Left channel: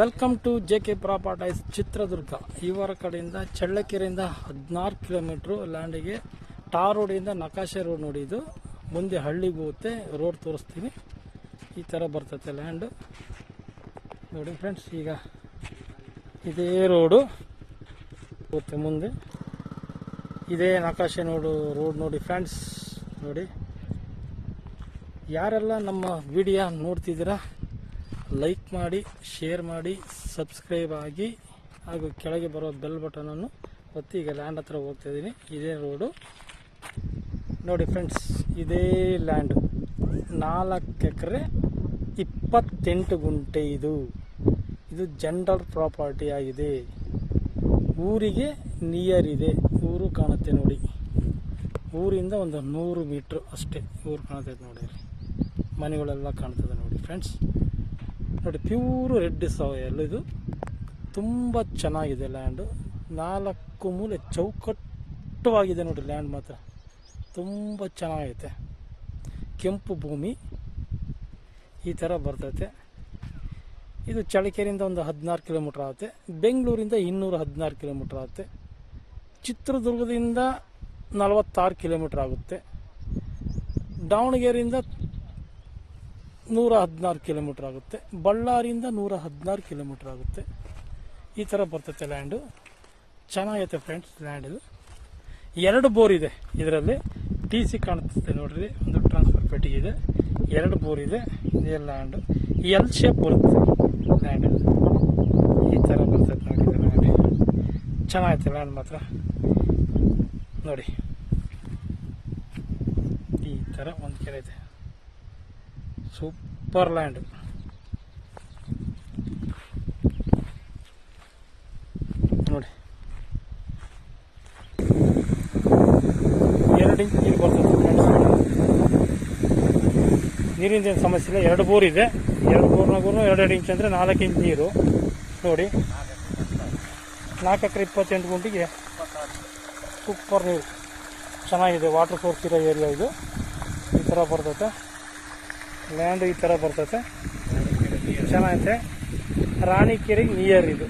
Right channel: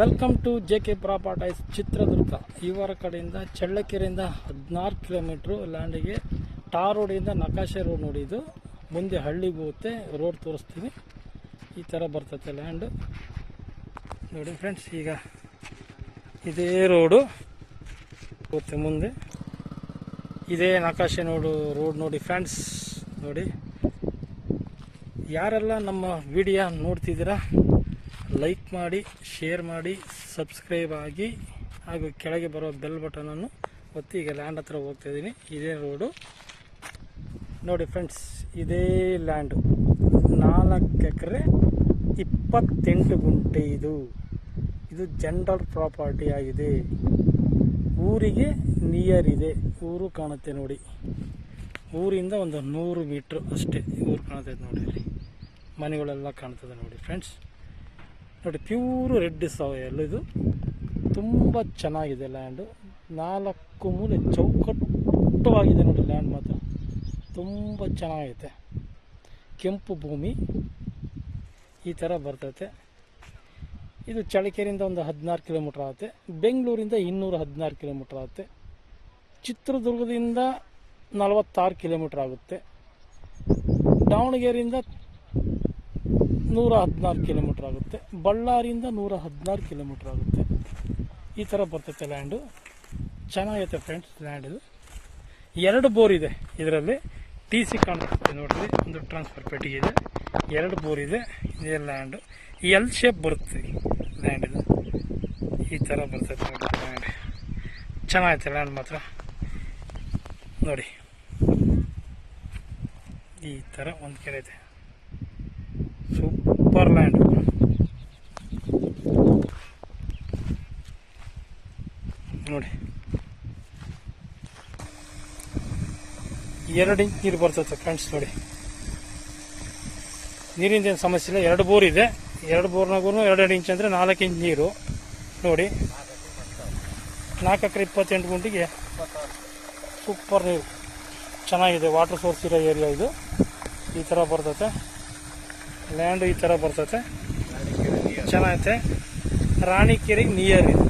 Welcome to JK. Properties Chitradurga. ಇವರ ಕಡೆಯಿಂದ ಚಳ್ಳಕೆರೆಯಿಂದ 16 kilometre ಲ್ಯಾಂಡಿಗೆ ಟಾರ್ ರೋಡಿಂದ ನಕಾಶೆ ರೋಡ್ ನೋಡಿ. ಇದು ಮುಂದೆ ಹಳ್ಳಿಗೆ ಹೋಗುತ್ತೆ. ರೋಡ್ ತೋರಿಸ್ತೀನಿ. ಈ ಥರ ಬರ್ತೈತೆ ಲ್ಯಾಂಡ್ ನೋಡಿ ಫ್ರೆಂಡ್ಸ್. ಈಗ ಇದೇ ರೋಡು ಹೋಗುತ್ತೆ ಮುಂದೆ. ಇದೇ ನಕಾಶೆ ರೋಡ್ ನೋಡಿ ಫ್ರೆಂಡ್ಸ್. ನೋಡಿ, ಯಾರೆಲ್ಲ ನಮ್ಮ ವಿಡಿಯೋ ನೋಡ್ತಿದ್ದೀರಾ ಲೈಕ್ ಮಾಡಿ, ಶೇರ್ ಮಾಡಿ, ಸಬ್ಸ್ಕ್ರೈಬ್ ಆಗಿ, ಹಾಗೂ ಕೆಳಗೆ ಬರೋ ಬೆಲ್ ಬಟನನ್ನು ಒತ್ತಿ. ಈಗ ಲ್ಯಾಂಡ್ ಹತ್ರ ಹೋಗ್ತಾ ಇದ್ದೀನಿ. ಇದೇ ರೋಡು ನೋಡಿ ಫ್ರೆಂಡ್ಸ್. ಇದೇ ಲ್ಯಾಂಡು 4 ಎಕರೆ 28 ಗುಂಟೆ. ಇದು ಜನರಲ್ ಪ್ರಾಪರ್ಟಿ ಆಗಿದೆ. ಊರಿಗೆ ನಿಯರ್ ಇದೆ. ಊರು ಕಾಣುತ್ತೆ ನೋಡಿ. ಊರಿಂದ ಒಂದು 100 ಮೀಟ್ರ್ ಅಷ್ಟೇ ಊರು ಕಾಣ್ತೈತೆ ನೋಡಿ. ಅಲ್ಲಿ ಮನೆಗಳೆಲ್ಲ ಕಾಣ್ತದೆ ನೋಡಿ ಫ್ರೆಂಡ್ಸ್. ನೋಡಿ, ಪ್ಯೂರು ರೆಡ್ ಸಾಯಿಲ್. ಇದು ತುಂಬ ಚೆನ್ನಾಗಿದೆ ಲ್ಯಾಂಡು. 4 ಮೂಲೆ ಚೌಕಟ್ಟವಾಗಿದೆ ನೋಡಿ. ಲ್ಯಾಂಡ್ ಮಾತ್ರ ತುಂಬ ಚೆನ್ನಾಗೈತೆ. ಕೆಂಪು ಭೂಮಿ ಈ ಥರ ಬರ್ತೈತೆ. ಇದು ಚಳ್ಳಕೆರೆಯಿಂದ ಒಂದು 16 ಕಿಲೋಮೀಟ್ರ್ ಆಗುತ್ತೆ. ಬೆಂಗಳೂರಿಂದ 216 ಕಿಲೋಮೀಟ್ರ್ ಆಗುತ್ತೆ. ಚಿತ್ರದುರ್ಗದಿಂದ 46 ಕಿಲೋಮೀಟ್ರ್ ಆಗುತ್ತೆ. ದಾವಣಗೆರೆಯಿಂದ 116 ಕಿಲೋಮೀಟ್ರ್ ಆಗುತ್ತೆ. ಬಳ್ಳಾರಿಯಿಂದ 116 ಕಿಲೋಮೀಟ್ರ್ ಆಗುತ್ತೆ. ಈ ಥರ ಬರ್ತೈತೆ ಲ್ಯಾಂಡು. ಚೆನ್ನಾಗೈತೆ ಫ್ರೆಂಡ್ಸ್ ಲ್ಯಾಂಡ್. ಇದು 2 ಬೋರ್ ಇದೆ. ಇದರಲ್ಲಿ TC ಕಾಣಿಸುತ್ತೆ ನೋಡ್ರಿ. ಒಂದು ಟ್ರಾನ್ಸ್ಫರ್ ಪೆಟ್ಟಿಗೆ ಇದೆ. 2 ಬೋರ್ ಇದೆ. ಇದೇ ಲ್ಯಾಂಡು L ಶೇಪ್ ಬರುತ್ತೆ ಲ್ಯಾಂಡ್. ಈ ಥರ ಬರ್ತೈತೆ ನೋಡಿ ಲ್ಯಾಂಡ್. ಚೆನ್ನಾಗೈತೆ ಲ್ಯಾಂಡ್ ಮಾತ್ರ ನೋಡಿ. ಈ ಥರ ಒಂದು ಕೆರೆ ಇದೆ. ಸೂಪರ್ ಲ್ಯಾಂಡ್ ನೋಡಿ. 2 ಇಂಚ್ ನೀರು ಬರ್ತದೆ ಫ್ರೆಂಡ್ಸ್ ನೋಡಿ. ನೀರಿಂದ ಏನು ಸಮಸ್ಯೆ ಇಲ್ಲ. 2 ಬೋರ್ ಇದೆ. 2 ಬೋರ್ನಾಗೂ 2 ಇಂಚ್ ಅಂದರೆ 4 ಇಂಚ್ ನೀರು ನೋಡಿ. 4 ಎಕರೆ 28 ಗುಂಟಿಗೆ ಸೂಪರ್ ನೀರು. ಚೆನ್ನಾಗಿದೆ. ವಾಟರ್ ಸೋರ್ಸ್ ಇರೋ ಏರಿಯಾ ಇದು. ಈ ಥರ ಬರ್ತೈತೆ ಲ್ಯಾಂಡು. ಈ ಥರ ಬರ್ತೈತೆ. ಚೆನ್ನಾಗೈತೆ. ರಾಣಿಕೆರೆಗೆ ನಿಯರ್ ಇದು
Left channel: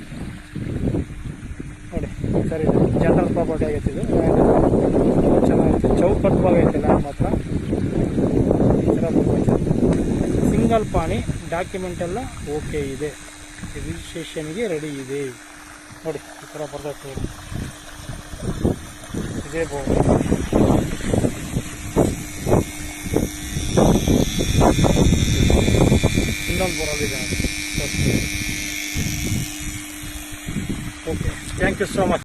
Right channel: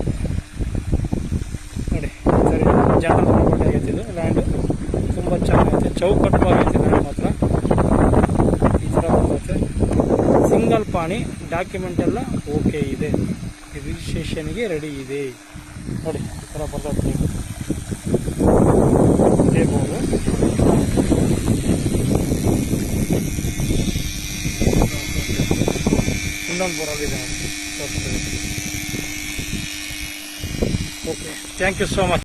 ನೋಡಿ. ಈ ಥರ ಜನರಲ್ ಪ್ರಾಪರ್ಟಿ ಆಗೈತೆ ಇದು ಲ್ಯಾಂಡ್. ತುಂಬ ಚೆನ್ನಾಗೈತೆ. ಚೌಕಟ್ಟವಾಗೈತೆ ಲ್ಯಾಂಡ್ ಮಾತ್ರ. ಈ ಥರ ಬರ್ತೈತೆ. ಸಿಂಗಲ್ ಪಾಣಿ. ಡಾಕ್ಯುಮೆಂಟ್ ಎಲ್ಲ ಓಕೆ ಇದೆ. ರಿಜಿಸ್ಟ್ರೇಷನ್ಗೆ ರೆಡಿ ಇದೆ ನೋಡಿ. ಈ ಥರ ಬರ್ತೈತೆ. ಇದೇ ಬೋರ್ಡು. ಇನ್ನೊಂದು ಬೋರಲ್ಲಿದೆ ನೋಡಿ. Okay, thank you so much.